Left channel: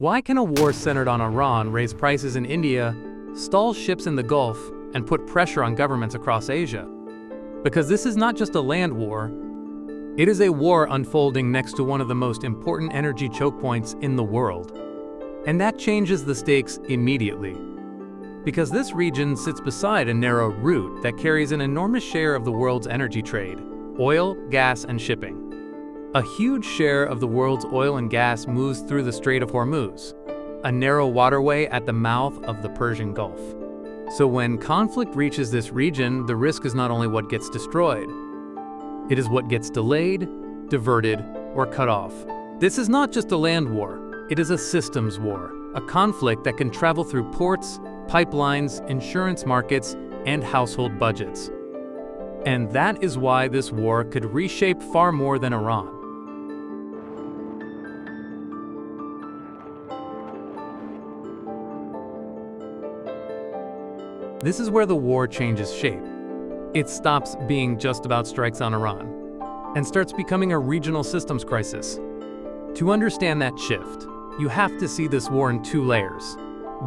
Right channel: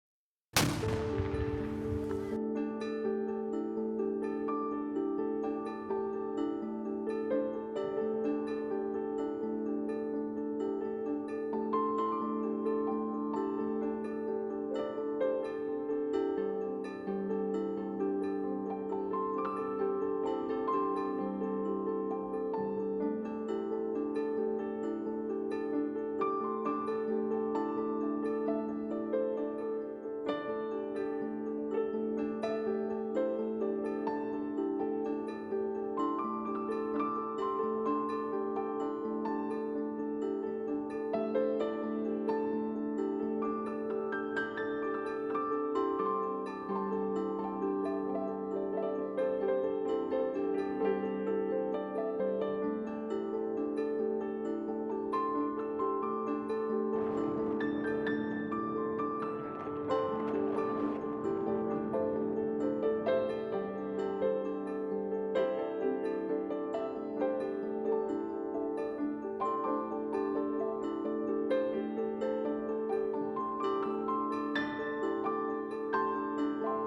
Why can a war centered on Iran raise prices in India, stall ships in the Gulf, and put pressure on governments across Asia? Because this is not just a land war, it is a war unfolding next to one of the most important energy choke points in the world. And that changes the stakes immediately. Because this region sits beside a narrow route that carries an enormous share of the world's energy trade: oil, gas, and shipping. A huge share of the world's oil and gas moves through the Strait of Hormuz, a narrow waterway at the mouth of the Persian Gulf. So when conflict reaches this region, the risk is not only what gets destroyed, it is what gets delayed, diverted, or cut off. This is not just a land war, it is a systems war, a conflict that can travel through ports, pipelines, insurance markets, and household budgets. And that is why this war could reshape far more than Iran. This is where the war changes shape. It stops being just about strikes on Iran and starts becoming a regional systems crisis. To understand that shift, you have to see this war in two layers.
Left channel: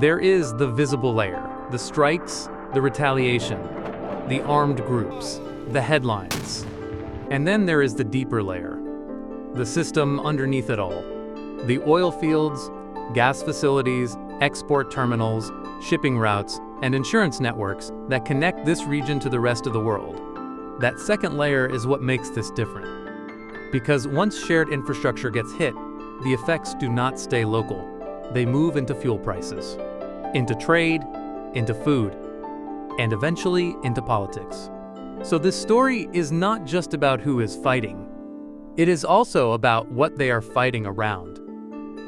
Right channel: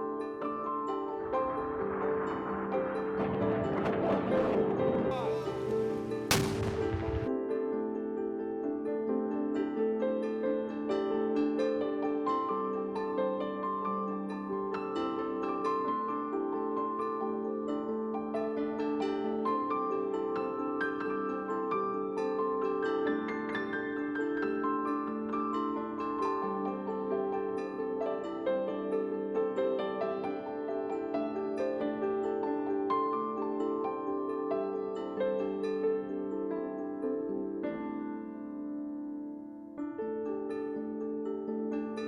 There is the visible layer, the strikes, the retaliation, the armed groups, the headlines. And then there is the deeper layer, the system underneath it all. The oil fields, gas facilities, export terminals, shipping routes, and insurance networks that connect this region to the rest of the world. That second layer is what makes this different. Because once shared infrastructure gets hit, the effects do not stay local. They move into fuel prices, into trade, into food, and eventually into politics. So this story is not just about who is fighting. It is also about what they are fighting around.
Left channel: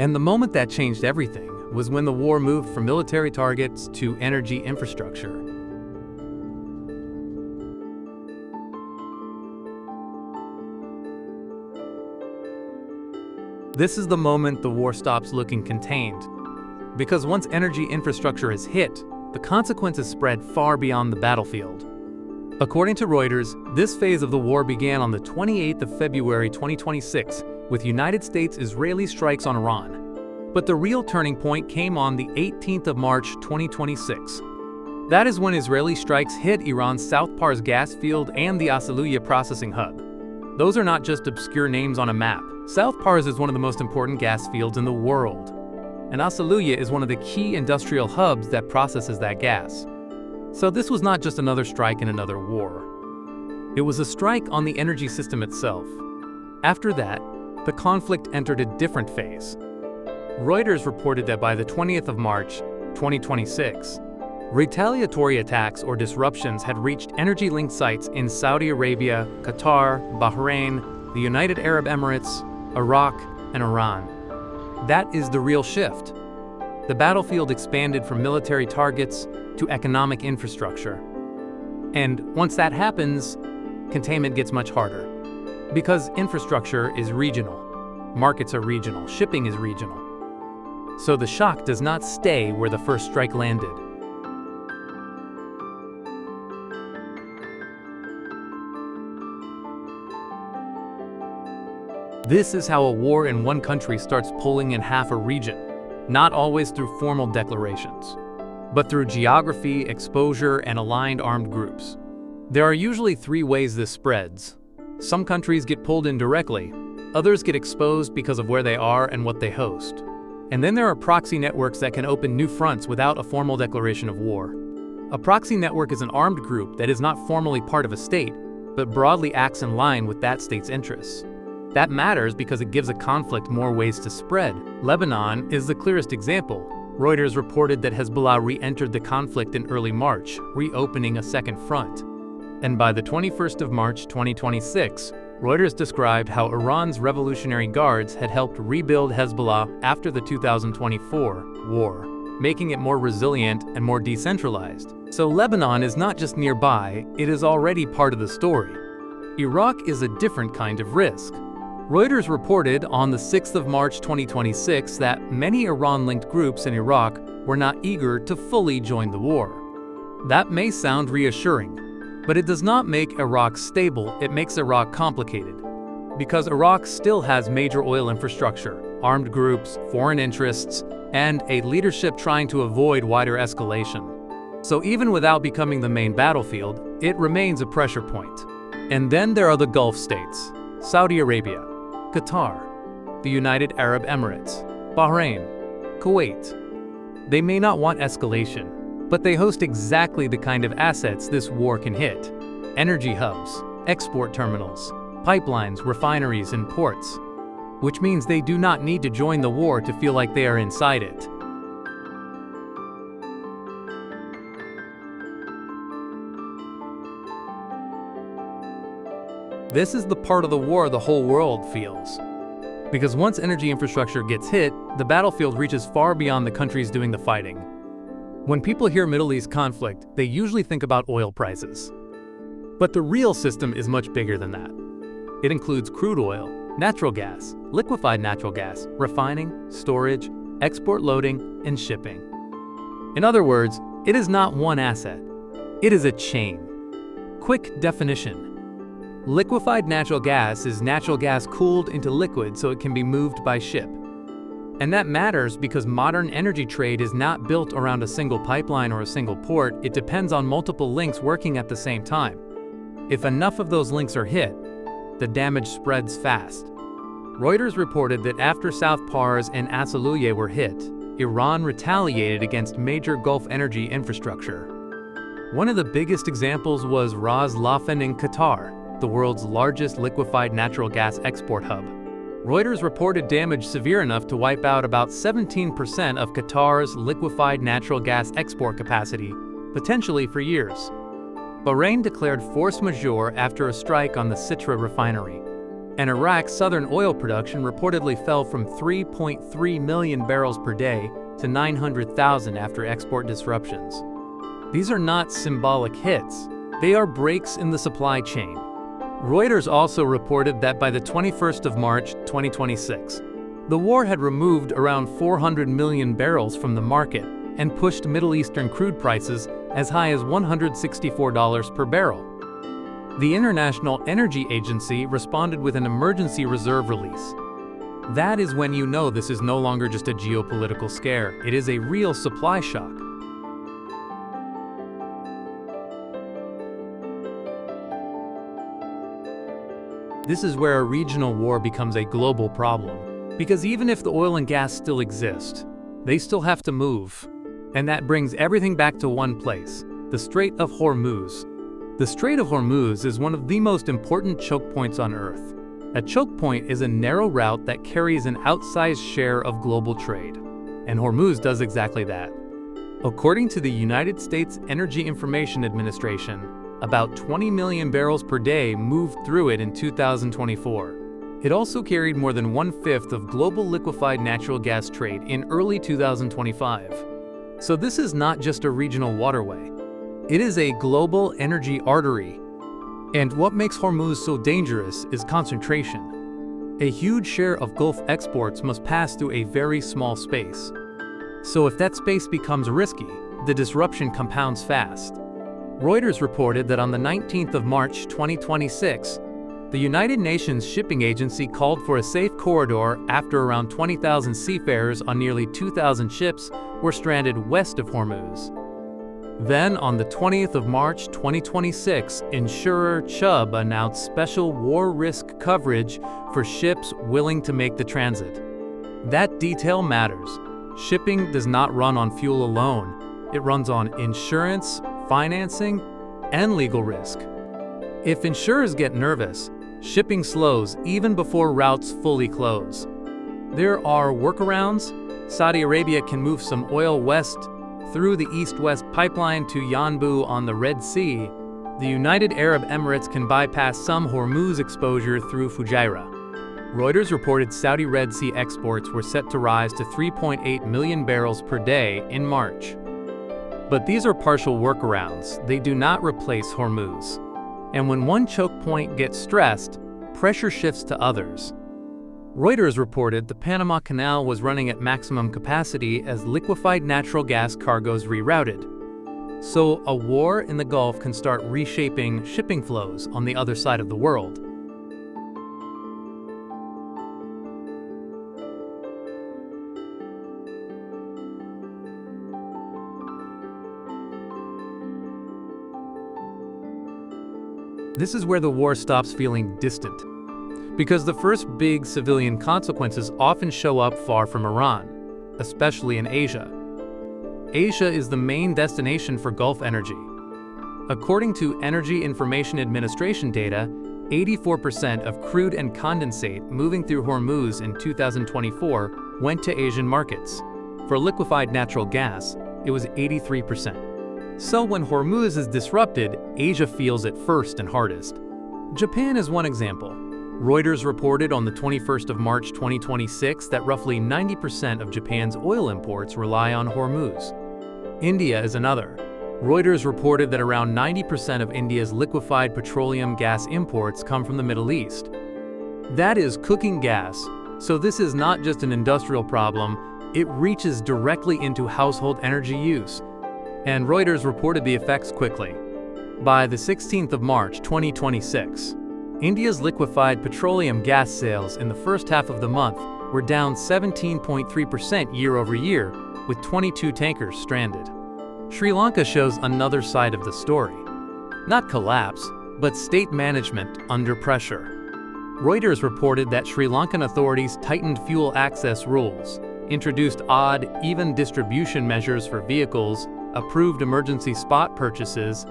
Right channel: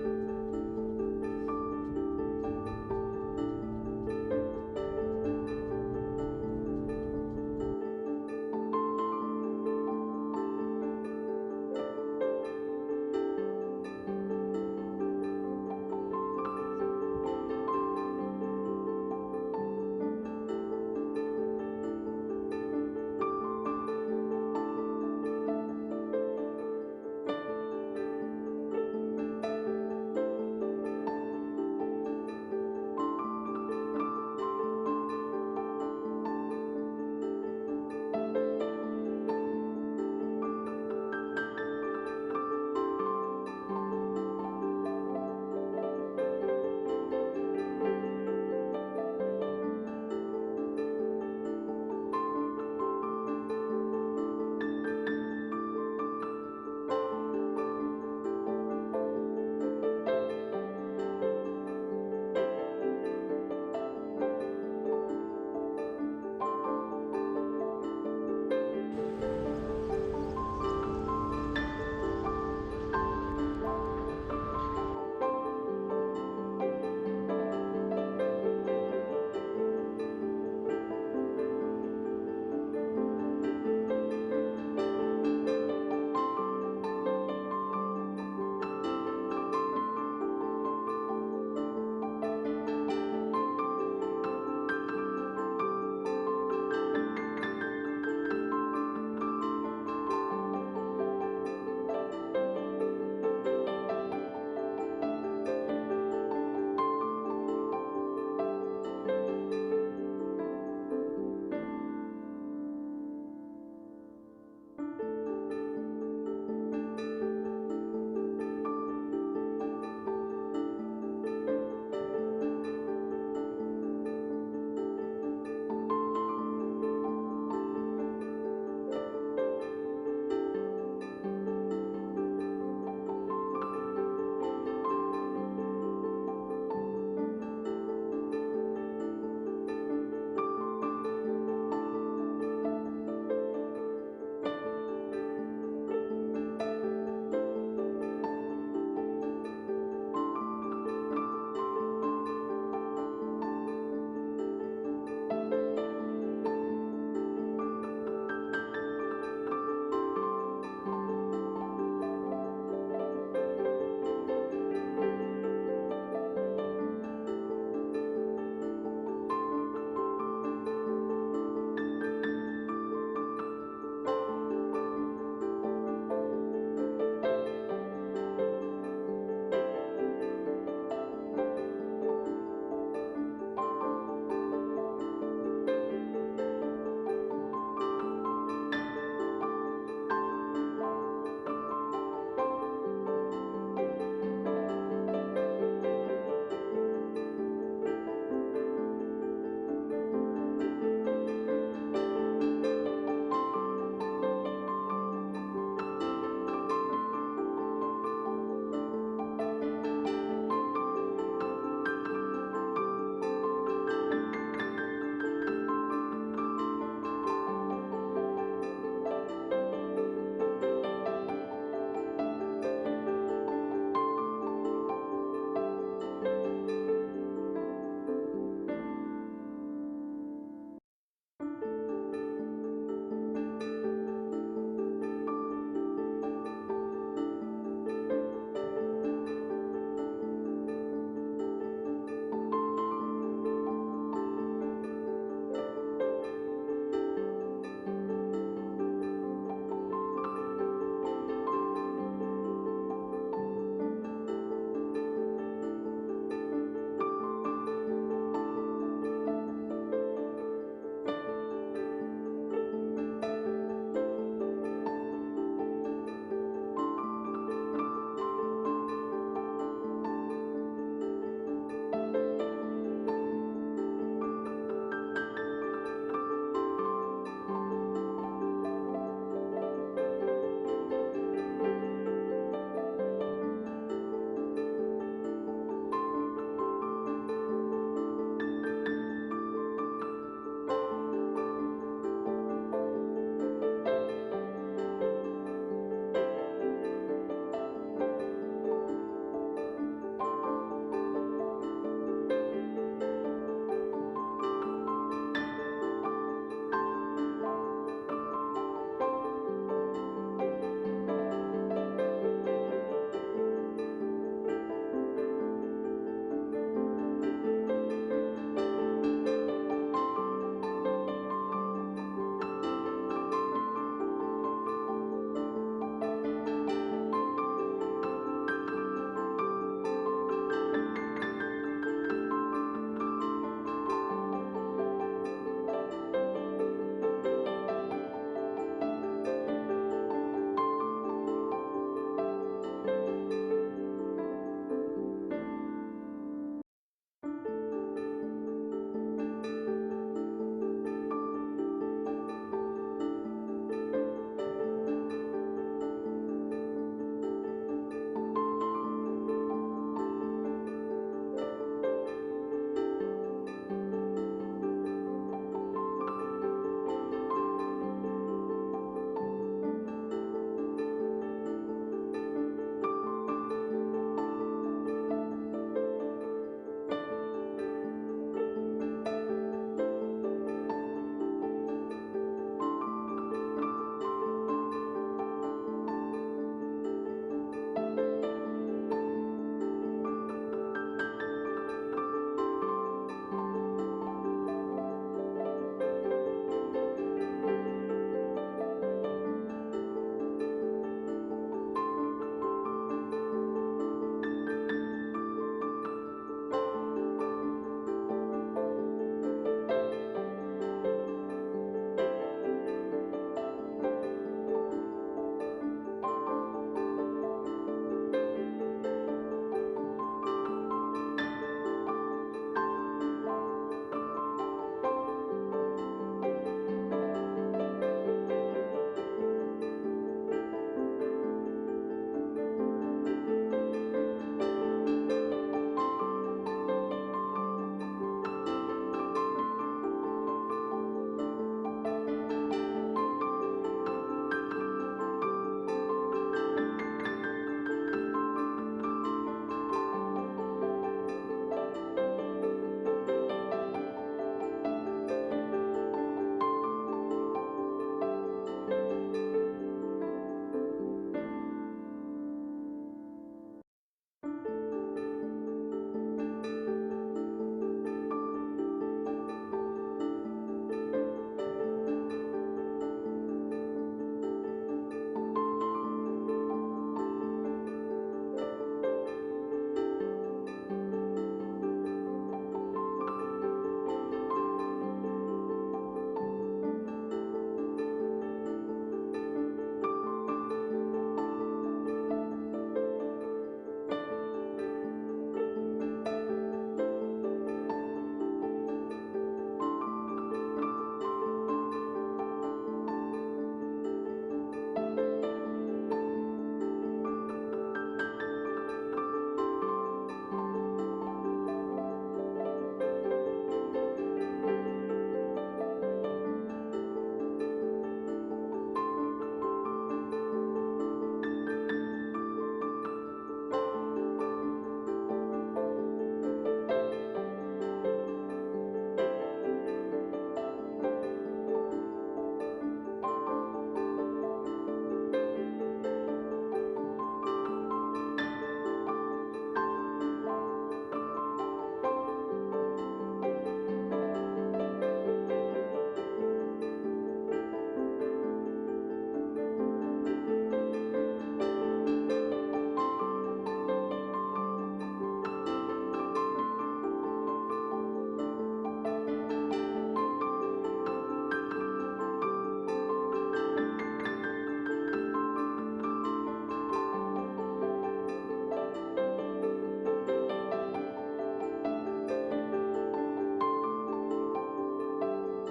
And the moment that changed everything was when the war moved from military targets to energy infrastructure. This is the moment the war stops looking contained. Because once energy infrastructure is hit, the consequences spread far beyond the battlefield. According to Reuters, this phase of the war began on the 28th of February 2026 with United States-Israeli strikes on Iran. But the real turning point came on the 18th of March 2026. That is when Israeli strikes hit Iran's South Pars gas field and the Asaluya processing hub. Those are not just obscure names on a map. South Pars is one of the most important gas fields in the world. And Asaluya is one of the key industrial hubs that processes that gas. So this was not just another strike in another war. It was a strike on the energy system itself. After that, the conflict entered a different phase. Reuters reported that by the 20th of March, 2026, retaliatory attacks or disruptions had reached energy-linked sites in Saudi Arabia, Qatar, Bahrain, the United Arab Emirates, Iraq, and Iran. That is the real shift. The battlefield expanded from military targets to economic infrastructure. And once that happens, containment gets much harder. Because infrastructure is regional, markets are regional, shipping is regional. So the shock does not stay where the first strike landed. This is how a war in one country starts pulling in half a region, not always through formal declarations, but through geography, exposure, and aligned armed groups. There are usually three ways this spreads. Some countries get pulled in directly, others get exposed because of where they are and what they host. And then there are proxy networks that can open new fronts without a formal declaration of war. A proxy network is an armed group that is not formally part of a state, but broadly acts in line with that state's interests. That matters because it gives a conflict more ways to spread. Lebanon is the clearest example. Reuters reported that Hezbollah re-entered the conflict in early March, reopening a second front. And by the 21st of March 2026, Reuters described how Iran's Revolutionary Guards had helped rebuild Hezbollah after the 2024 war, making it more resilient and more decentralized. So Lebanon is not just nearby, it is already part of the story. Iraq is a different kind of risk. Reuters reported on the 6th of March 2026 that many Iran-linked groups in Iraq were not eager to fully join the war. That may sound reassuring, but it does not make Iraq stable, it makes Iraq complicated. Because Iraq still has major oil infrastructure, armed groups, foreign interests, and a leadership trying to avoid wider escalation. So even without becoming the main battlefield, it remains a pressure point. And then there are the Gulf states: Saudi Arabia, Qatar, the United Arab Emirates, Bahrain, Kuwait. They may not want escalation, but they host exactly the kind of assets this war can hit: energy hubs, export terminals, pipelines, refineries, and ports. Which means they do not need to join the war to feel like they are inside it. This is the part of the war the whole world feels. Because once energy infrastructure gets hit, the battlefield reaches far beyond the countries doing the fighting. When people hear Middle East conflict, they usually think about oil prices. But the real system is much bigger than that. It includes crude oil, natural gas, liquefied natural gas, refining, storage, export loading, and shipping. In other words, it is not one asset. It is a chain. Quick definition. Liquefied natural gas is natural gas cooled into liquid so it can be moved by ship. And that matters because modern energy trade is not built around a single pipeline or a single port. It depends on multiple links working at the same time. If enough of those links are hit, the damage spreads fast. Reuters reported that after South Pars and Asaluye were hit, Iran retaliated against major Gulf energy infrastructure. One of the biggest examples was Ras Laffan in Qatar, the world's largest liquefied natural gas export hub. Reuters reported damage severe enough to wipe out about 17% of Qatar's liquefied natural gas export capacity, potentially for years. Bahrain declared force majeure after a strike on the Sitra refinery. And Iraq's southern oil production reportedly fell from 3.3 million barrels per day to 900,000 after export disruptions. These are not symbolic hits. They are breaks in the supply chain. Reuters also reported that by the 21st of March, 2026, the war had removed around 400 million barrels from the market and pushed Middle Eastern crude prices as high as $164 per barrel. The International Energy Agency responded with an emergency reserve release. That is when you know this is no longer just a geopolitical scare, it is a real supply shock. This is where a regional war becomes a global problem, because even if the oil and gas still exist, they still have to move. And that brings everything back to one place: the Strait of Hormuz. The Strait of Hormuz is one of the most important choke points on Earth. A choke point is a narrow route that carries an outsized share of global trade. And Hormuz does exactly that. According to the United States Energy Information Administration, about 20 million barrels per day moved through it in 2024. It also carried more than 1/5 of global liquefied natural gas trade in early 2025. So this is not just a regional waterway. It is a global energy artery. And what makes Hormuz so dangerous is concentration. A huge share of Gulf exports must pass through a very small space. So if that space becomes risky, the disruption compounds fast. Reuters reported that on the 19th of March 2026, the United Nations Shipping Agency called for a safe corridor after around 20,000 seafarers on nearly 2,000 ships were stranded west of Hormuz. Then, on the 20th of March 2026, insurer Chubb announced special war risk coverage for ships willing to make the transit. That detail matters. Shipping does not run on fuel alone. It runs on insurance, financing, and legal risk. If insurers get nervous, shipping slows even before routes fully close. There are workarounds. Saudi Arabia can move some oil west through the east-west pipeline to Yanbu on the Red Sea. The United Arab Emirates can bypass some Hormuz exposure through Fujairah. Reuters reported Saudi Red Sea exports were set to rise to 3.8 million barrels per day in March. But these are partial workarounds. They do not replace Hormuz. And when one choke point gets stressed, pressure shifts to others. Reuters reported the Panama Canal was running at maximum capacity as liquefied natural gas cargoes rerouted. So a war in the Gulf can start reshaping shipping flows on the other side of the world. This is where the war stops feeling distant, because the first big civilian consequences often show up far from Iran, especially in Asia. Asia is the main destination for Gulf energy. According to Energy Information Administration data, 84% of crude and condensate moving through Hormuz in 2024 went to Asian markets. For liquefied natural gas, it was 83%. So when Hormuz is disrupted, Asia feels it first and hardest. Japan is one example. Reuters reported on the 21st of March 2026 that roughly 90% of Japan's oil imports rely on Hormuz. India is another. Reuters reported that around 90% of India's liquefied petroleum gas imports come from the Middle East. That is cooking gas, so this is not just an industrial problem, it reaches directly into household energy use. And Reuters reported the effects quickly. By the 16th of March 2026, India's liquefied petroleum gas sales in the first half of the month were down 17.3% year-over-year, with 22 tankers stranded. Sri Lanka shows another side of the story. Not collapse, but state management under pressure. Reuters reported that Sri Lankan authorities tightened fuel access rules, introduced odd, even distribution measures for vehicles, approved emergency spot purchases,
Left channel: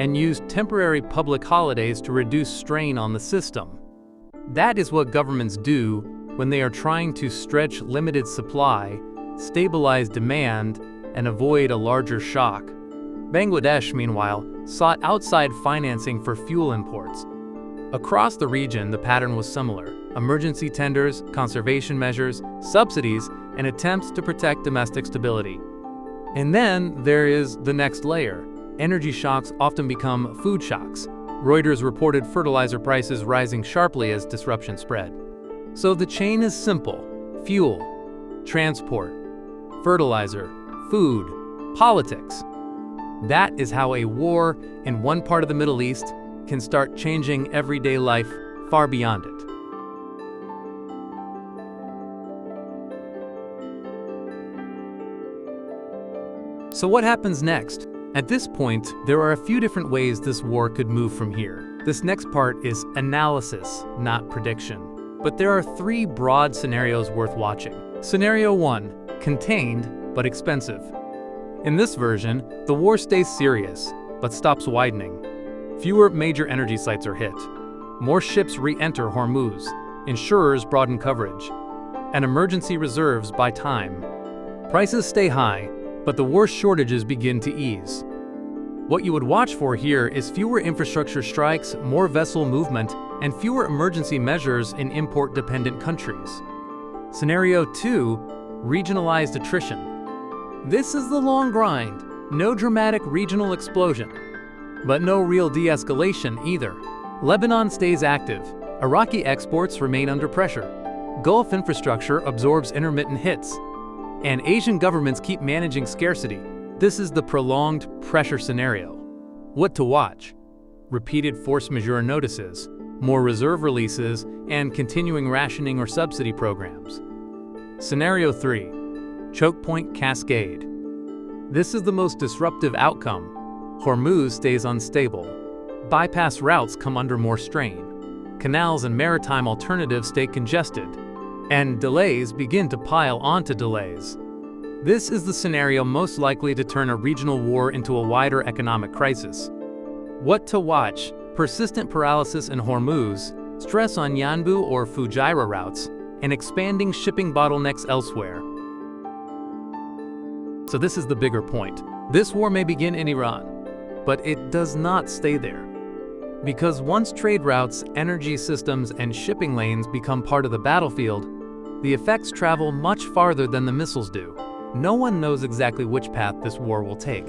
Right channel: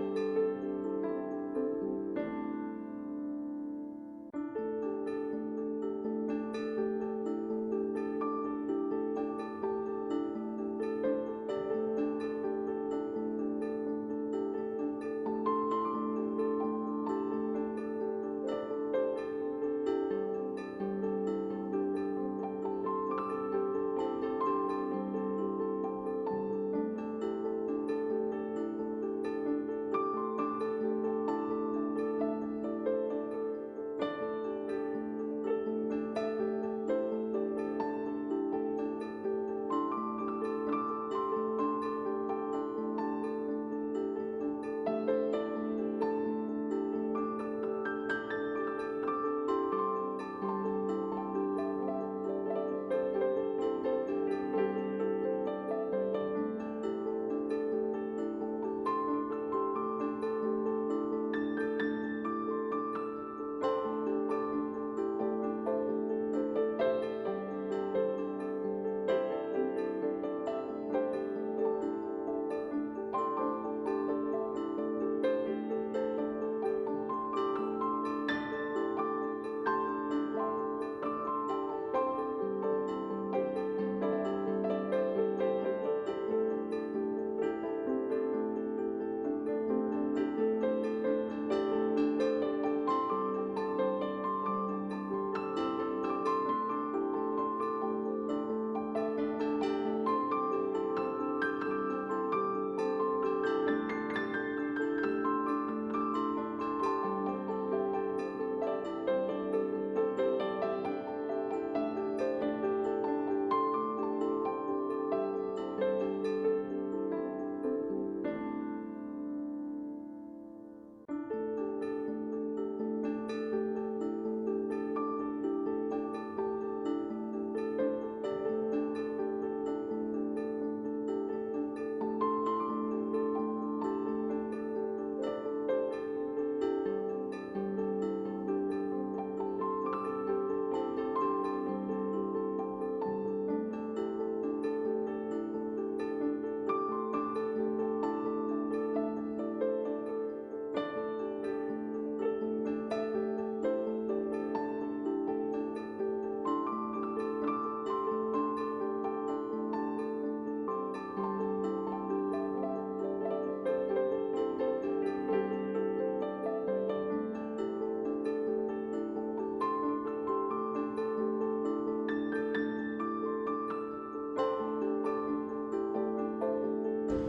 and used temporary public holidays to reduce strain on the system. That is what governments do when they are trying to stretch limited supply, stabilize demand, and avoid a larger shock. Bangladesh, meanwhile, sought outside financing for fuel imports. Across the region, the pattern was similar: emergency tenders, conservation measures, subsidies, and attempts to protect domestic stability. And then there is the next layer. Energy shocks often become food shocks. Reuters reported fertilizer prices rising sharply as disruption spread. So the chain is simple: fuel, transport, fertilizer, food, politics. That is how a war in one part of the Middle East can start changing everyday life far beyond it. So what happens next? At this point, there are a few different ways this war could move from here. This next part is analysis, not prediction. But there are three broad scenarios worth watching. Scenario 1, contained but expensive. In this version, the war stays serious, but stops widening. Fewer major energy sites are hit. More ships re-enter Hormuz. Insurers broaden coverage. And emergency reserves buy time. Prices stay high, but the war shortages begin to ease. What you would watch for here is fewer infrastructure strikes, more vessel movement, and fewer emergency measures in import-dependent countries. Scenario 2, regionalized attrition. This is the long grind. No dramatic regional explosion, but no real de-escalation either. Lebanon stays active. Iraqi exports remain under pressure. Gulf infrastructure absorbs intermittent hits. And Asian governments keep managing scarcity. This is the prolonged pressure scenario. What to watch? Repeated force majeure notices, more reserve releases, and continuing rationing or subsidy programs. Scenario 3, chokepoint cascade. This is the most disruptive outcome. Hormuz stays unstable. Bypass routes come under more strain. Canals and maritime alternatives stay congested. And delays begin to pile onto delays. This is the scenario most likely to turn a regional war into a wider economic crisis. What to watch? Persistent paralysis in Hormuz, stress on Yanbu or Fujairah routes, and expanding shipping bottlenecks elsewhere. So this is the bigger point. This war may begin in Iran, but it does not stay there. Because once trade routes, energy systems, and shipping lanes become part of the battlefield, the effects travel much farther than the missiles do. No one knows exactly which path this war will take.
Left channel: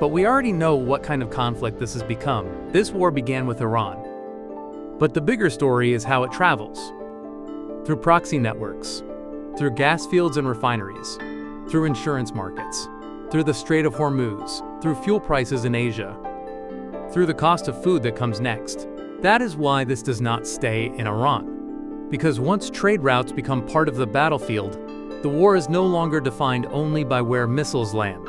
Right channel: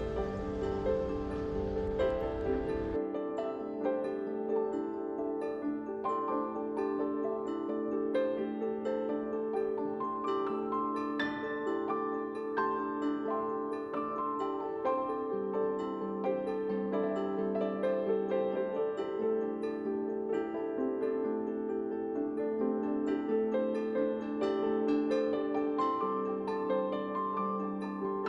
But we already know what kind of conflict this has become. This war began with Iran. But the bigger story is how it travels. Through proxy networks, through gas fields and refineries, through insurance markets, through the Strait of Hormuz, through fuel prices in Asia, through the cost of food that comes next. That is why this does not stay in Iran. Because once trade routes become part of the battlefield, the war is no longer defined only by where missiles land.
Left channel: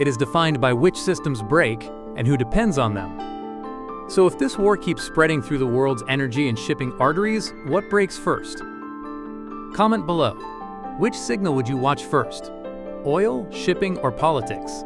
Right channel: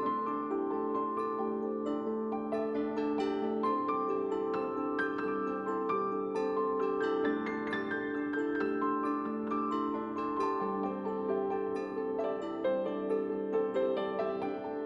It is defined by which systems break and who depends on them. So if this war keeps spreading through the world's energy and shipping arteries, what breaks first? Comment below. Which signal would you watch first? Oil, shipping, or politics?